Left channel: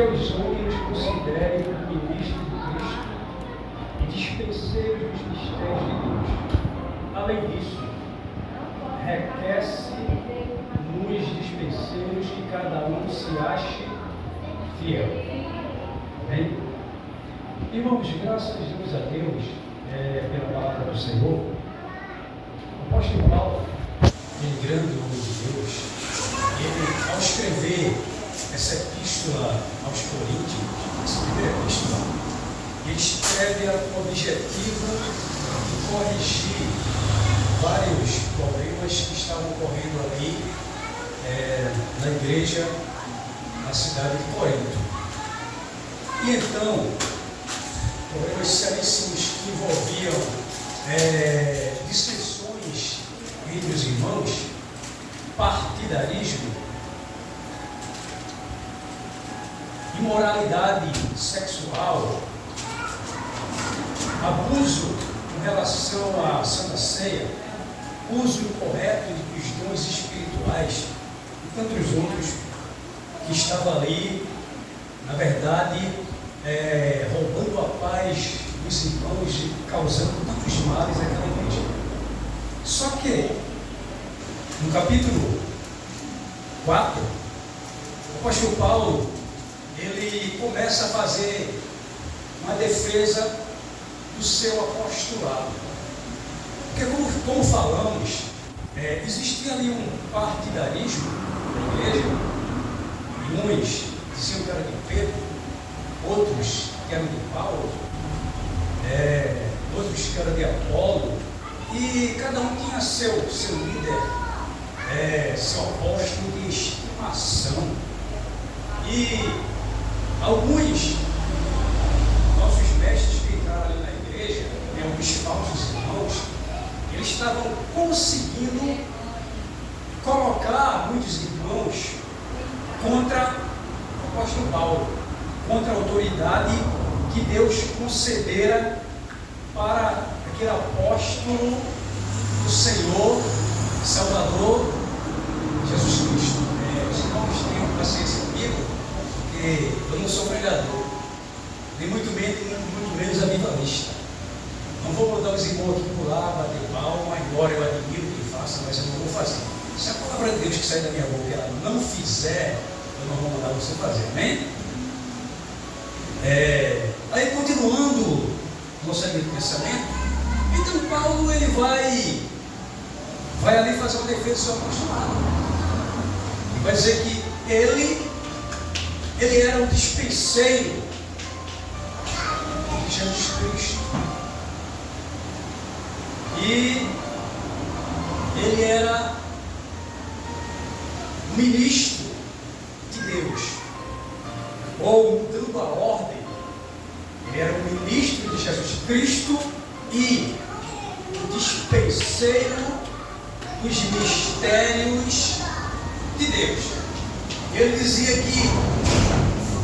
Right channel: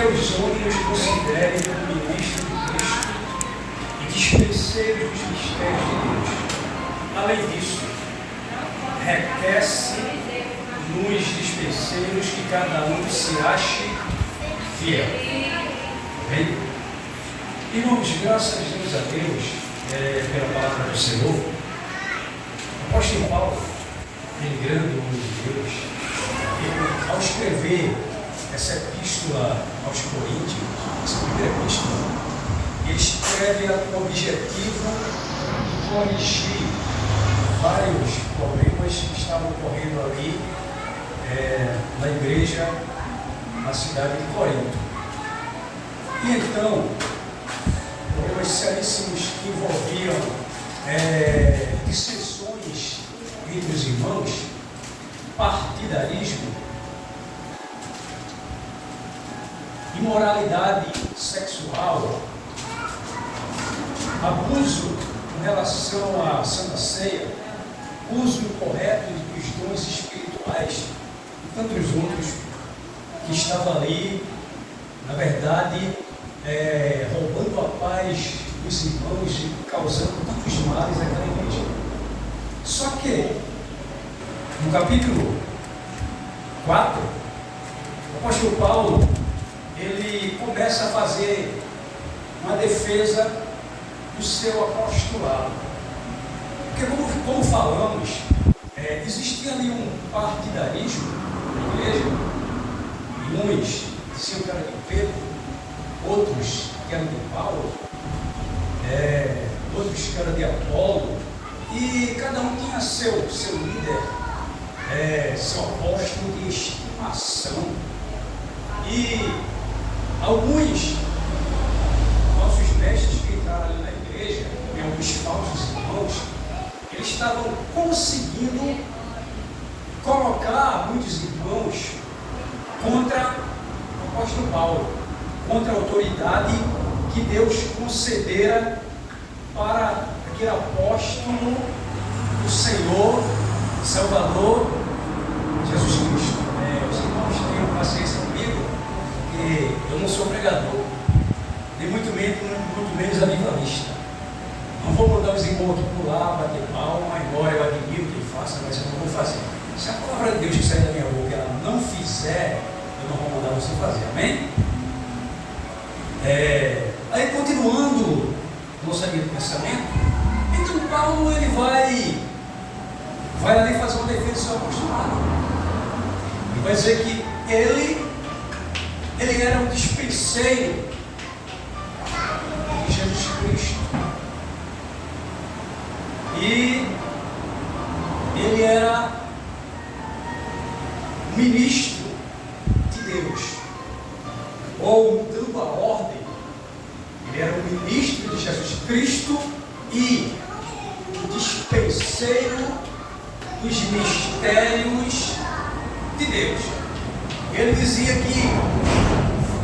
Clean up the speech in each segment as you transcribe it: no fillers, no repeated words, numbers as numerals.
que aos homens considerem o ministro de Cristo e dispenseiros dos mistérios de Deus. Além disso, requer-se nos dispenseiros que cada um se ache fiel. Bem? Irmãos, graças a Deus pela palavra do Senhor, o apóstolo Paulo, aquele grande homem de Deus, ele, ao escrever essa epístola aos Coríntios, essa primeira epístola, ele escreve com o objetivo de corrigir vários problemas que estavam ocorrendo ali na igreja, na cidade de Corinto. E então, problemas seríssimos que envolviam dissensões entre os irmãos, partidarismo, imoralidade sexual, abuso em relação à Santa Ceia, uso incorreto dos dons espirituais e tantos outros que estavam ali, na verdade, roubando a paz dos irmãos e causando tantos males naquela igreja. Só que, no capítulo 4, o apóstolo Paulo, ele começa a fazer uma defesa do seu apostolado. Porque, como falamos, existia ali um partidarismo na igreja, e uns diziam que era de Pedro, outros que eram de Paulo, outros que eram de Apolo, e cada um tinha seu líder, seu apóstolo de estimação. E alguns nossos mestres que entraram ali na igreja, e alguns falsos irmãos, eles estavam conseguindo colocar muitos irmãos contra o apóstolo Paulo, contra a autoridade que Deus concedera para aquele apóstolo do Senhor, Salvador, Jesus Cristo. Os irmãos tenham paciência comigo, porque eu não sou pregador, nem muito menos avivalista. Não vou botar os irmãos aqui por lá, bater palma, embora eu admiro que ele faça, mas eu não vou fazer. Se a palavra de Deus que sair da minha boca ela não fizer, eu não vou mandar você fazer, amém? Aí continuando nossa linha de pensamento, então Paulo ele vai ali fazer uma defesa do seu apostolado. Ele vai dizer que ele era um dispenseiro de Jesus Cristo. E ele era ministro de Deus. Ou, mudando a ordem, ele era um ministro de Jesus Cristo e o dispenseiro dos mistérios de Deus. Ele dizia que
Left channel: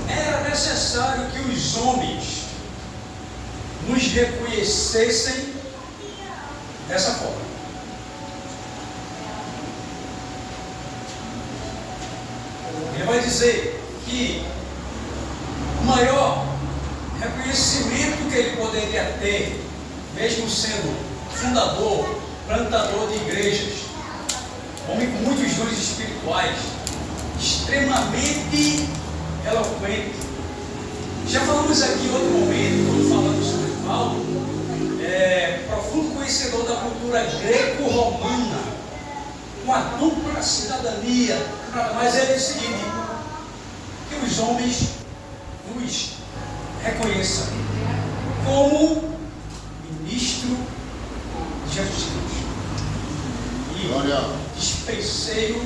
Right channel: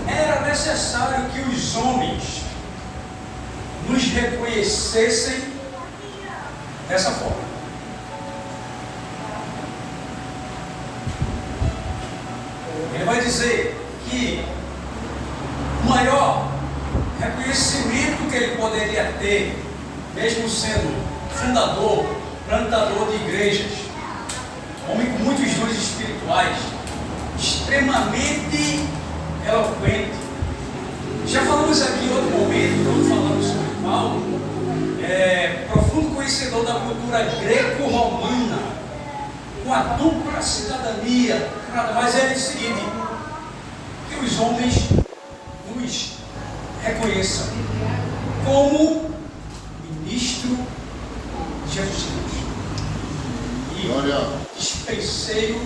era necessário que os homens nos reconhecessem dessa forma. Ele vai dizer que o maior reconhecimento que ele poderia ter, mesmo sendo fundador, plantador de igrejas, homem com muitos dons espirituais, extremamente eloquente. Já falamos aqui em outro momento, quando falamos sobre Paulo, profundo conhecedor da cultura greco-romana, com a dupla cidadania, nada mais é o seguinte, que os homens nos reconheçam como ministro de Jesus Cristo e dispenseiro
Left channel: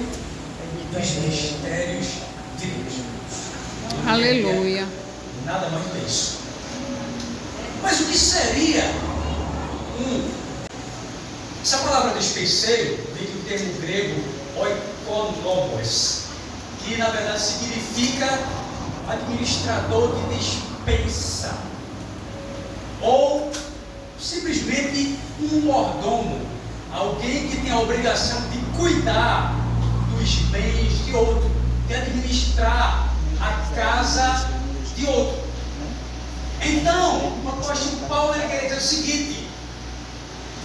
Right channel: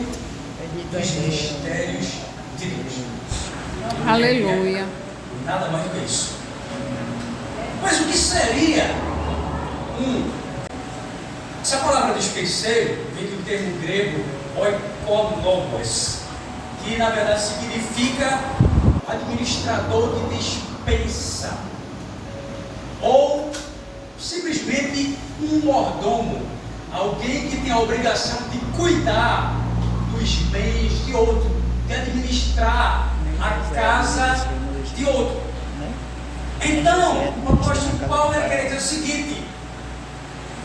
dos mistérios de Deus. Aleluia. Nada mais do que isso. Mas o que seria essa palavra dispenseiro vem do termo grego oikonomos, que na verdade significa administrador de dispensa, ou simplesmente um mordomo, alguém que tem a obrigação de cuidar dos bens de outro, de administrar a casa de outro. Então, o apóstolo Paulo quer dizer o seguinte:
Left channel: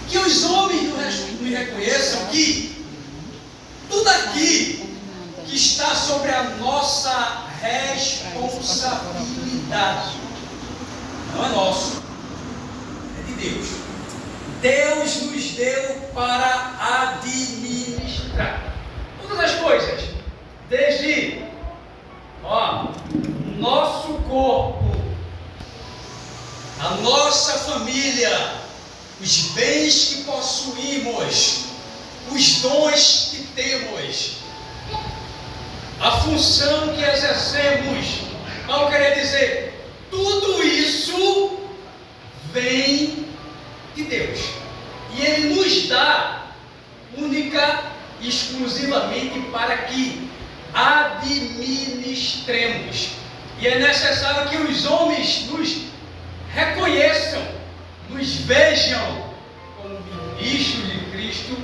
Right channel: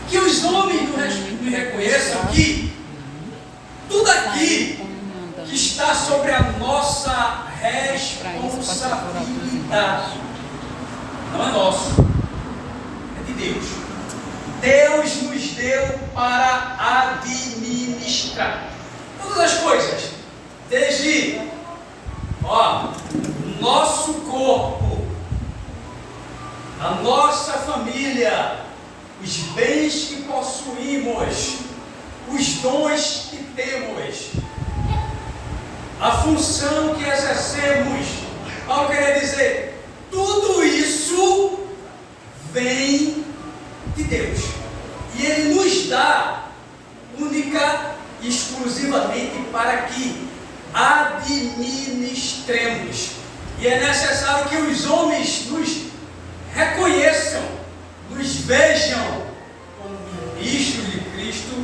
que os homens nos reconheçam que tudo aqui que está sobre a nossa responsabilidade não é nosso, é de Deus. Deus nos deu para administrar todas as coisas, desde nosso corpo, a nossa família, os bens que possuímos, os dons que temos, a função que exercemos. Paulo queria dizer, tudo isso vem de Deus. E Ele nos dá única e exclusivamente para que administremos. E é necessário que os homens nos reconheçam, nos vejam como ministros de Cristo,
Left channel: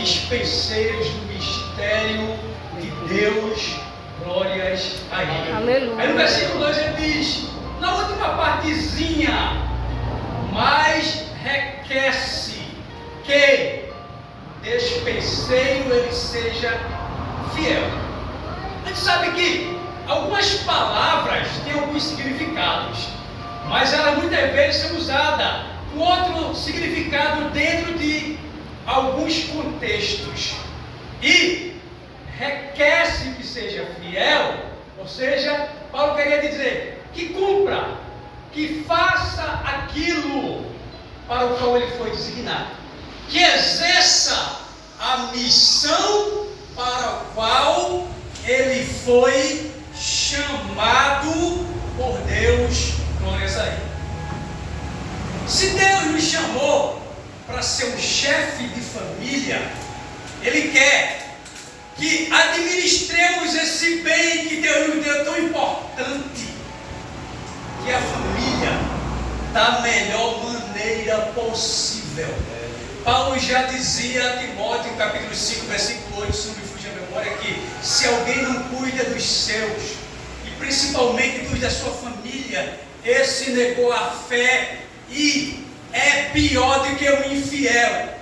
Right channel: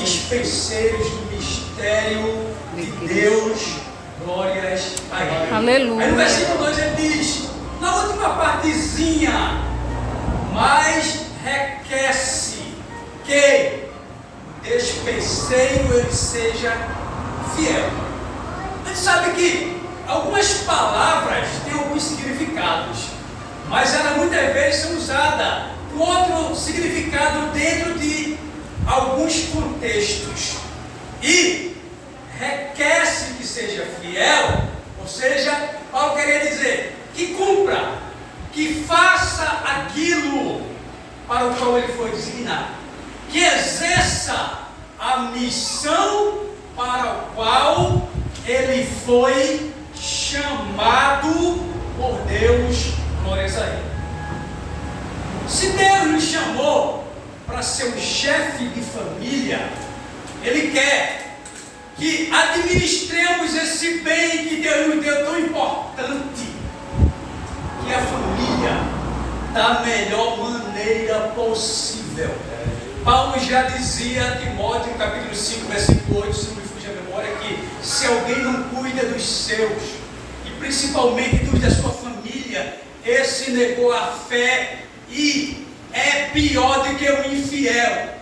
dispenseiros do mistério de Deus. Glórias a Ele. Aleluia. Aí no versículo 2 ele diz, na última partezinha, mas requer-se que o despenseiro ele seja fiel. A gente sabe que algumas palavras têm alguns significados, mas elas muitas vezes são usadas com outro significado dentro de alguns contextos. E requer-se que seja fiel, ou seja, Paulo queria dizer que cumpra, que faça aquilo para o qual ele foi designado, que exerça a missão para o qual ele foi chamado por Deus. Glórias a Ele. Se Deus nos chamou para ser um chefe de família, Ele quer que administremos esse bem que Deus nos deu tão importante, que é a família, da melhor maneira possível. Paulo já dizia a Timóteo, no capítulo 5, versículo 8, se não me fuge a memória, que se alguém não cuida dos seus, e principalmente dos da sua família, esse negou a fé e é pior do que o infiel.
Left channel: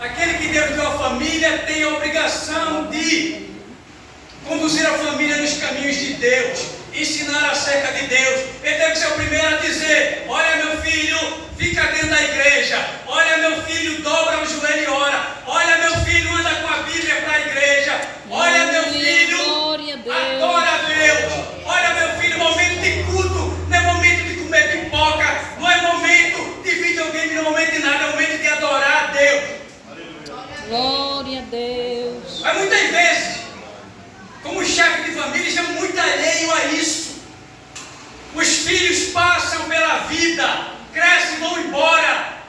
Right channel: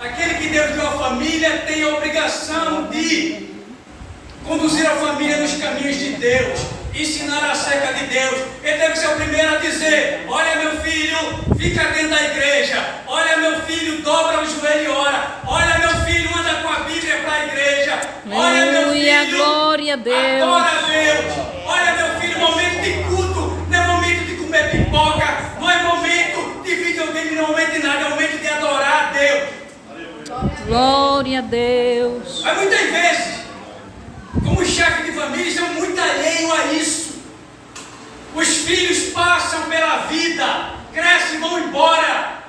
Aquele que Deus deu a família tem a obrigação de conduzir a família nos caminhos de Deus, ensinar acerca de Deus. Ele deve ser o primeiro a dizer: olha, meu filho, fica dentro da igreja. Olha, meu filho, dobra o joelho e ora. Olha, meu filho, anda com a Bíblia para a igreja. Olha, meu filho, glória a Deus. adora a Deus. Olha, meu filho, momento de culto não é momento de comer pipoca, não é momento de videogame, não é momento de nada, é momento de adorar a Deus. Glória a Deus. Mas muitas vezes, como chefe de família, estamos muito alheios a isso. Os filhos passam pela vida, crescem e vão embora.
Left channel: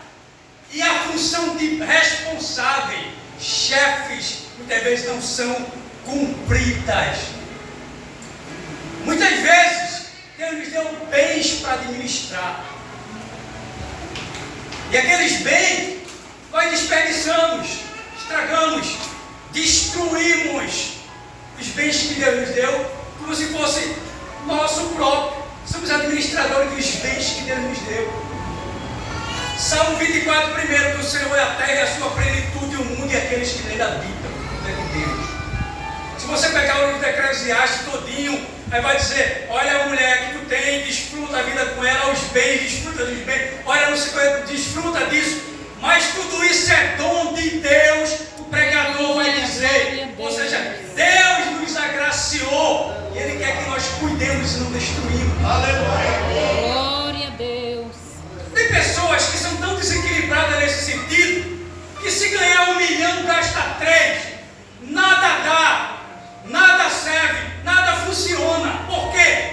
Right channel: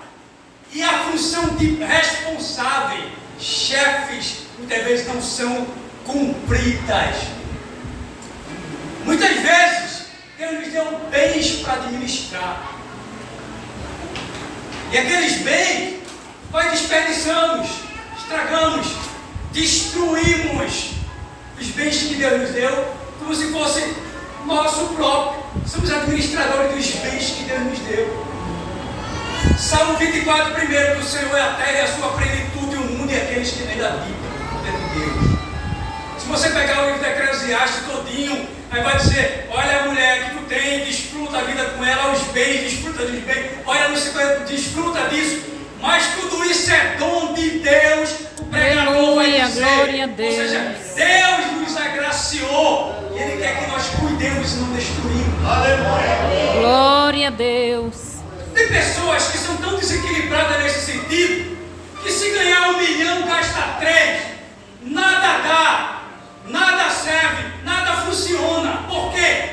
E a função de responsável, chefes, muitas vezes não são cumpridas. Muitas vezes, Deus nos deu bens para administrar. E aqueles bens, nós desperdiçamos, estragamos, destruímos os bens que Deus nos deu, como se fosse nosso próprio. Somos administradores dos bens que Deus nos deu. Salmo 24, primeiro, do Senhor é a terra e a sua plenitude, o mundo e aqueles que nele habitam. É de Deus. Se você pegar o livro de Eclesiastes todinho, aí vai dizer: olha a mulher que tu tem, desfruta a vida com ela, os bens, desfruta dos bens, olha no 50, desfruta disso. Mas tudo isso é dom de Deus, o pregador vai dizer. Ou seja, Deus nos agraciou e Ele quer que nós cuidemos e não destruímos. Aleluia. Glória a Deus. Tem pessoas que são tão desequilibradas nesse sentido, que se ganhar 1 milhão, gasta 3, nada dá, nada serve, nada funciona. Por quê?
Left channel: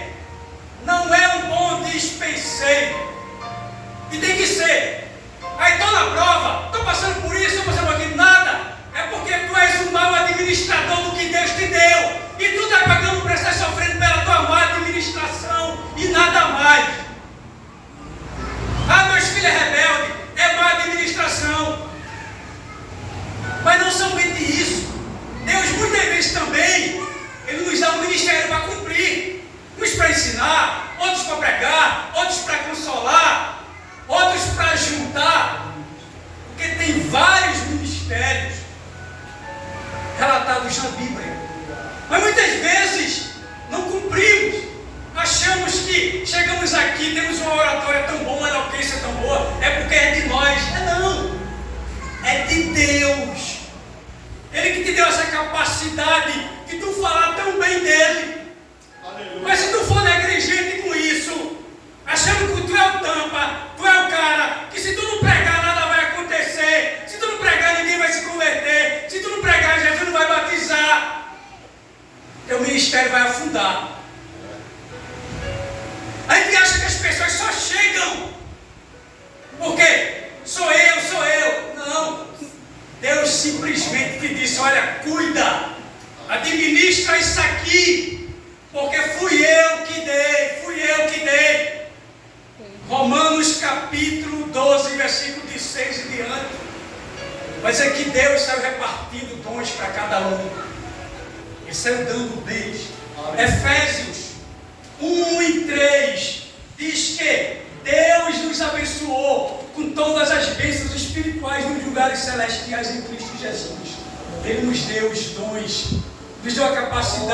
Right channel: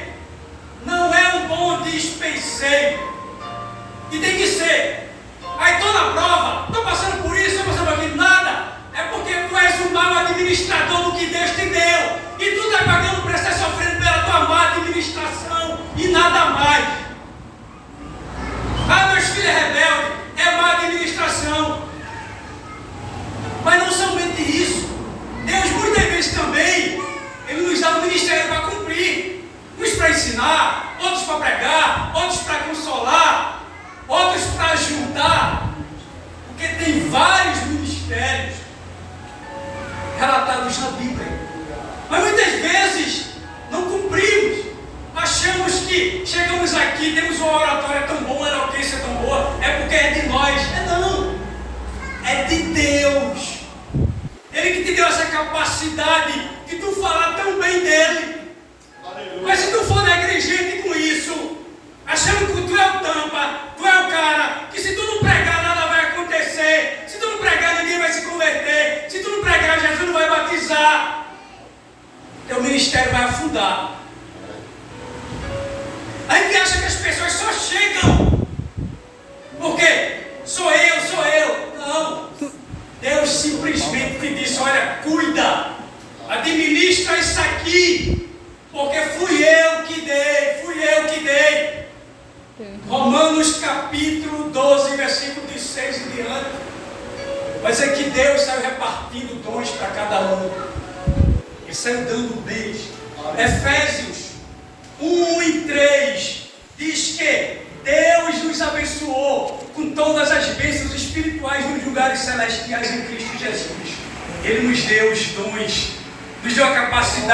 Não é um bom dispenseiro. E tem que ser. Aí estou na prova, estou passando por isso, estou passando por aquilo, nada. É porque tu és um mau administrador do que Deus te deu. E tu está pagando o preço, está sofrendo pela tua má administração e nada mais. Ah, meus filhos é rebelde, é má administração. dados na Bíblia. Mas muitas vezes não cumprimos. Achamos que chegamos aqui, temos uma oratória tão boa, uma eloquência tão boa, é porque é de nós. Não. É de Deus. Ele que te deu essa capacidade de tu falar tão bem dele. Mas se tu for na igrejinha com isso, achando que tu é o tampa, tu é o cara, que se tu não pregar nada vai acontecer, se tu não pregar ninguém vai se converter, se tu não pregar Jesus não vai batizar, teu ministério vai afundar. A gente acha que as pessoas só chegam porque sou eu. Não. Deus simplesmente te disse: olha, cuida, administra isso aqui, porque fui eu que dei. Romanos capítulo 12, versículo de 6 e diante, vai dizer que Deus saiu repartindo dons para cada um, e saiu dando bens. Efésios 1 e 3 diz que Deus nos abençoou com todas as bênçãos espirituais nos lugares celestiais em Cristo Jesus. Ele nos deu os dons, nos deu a capacidade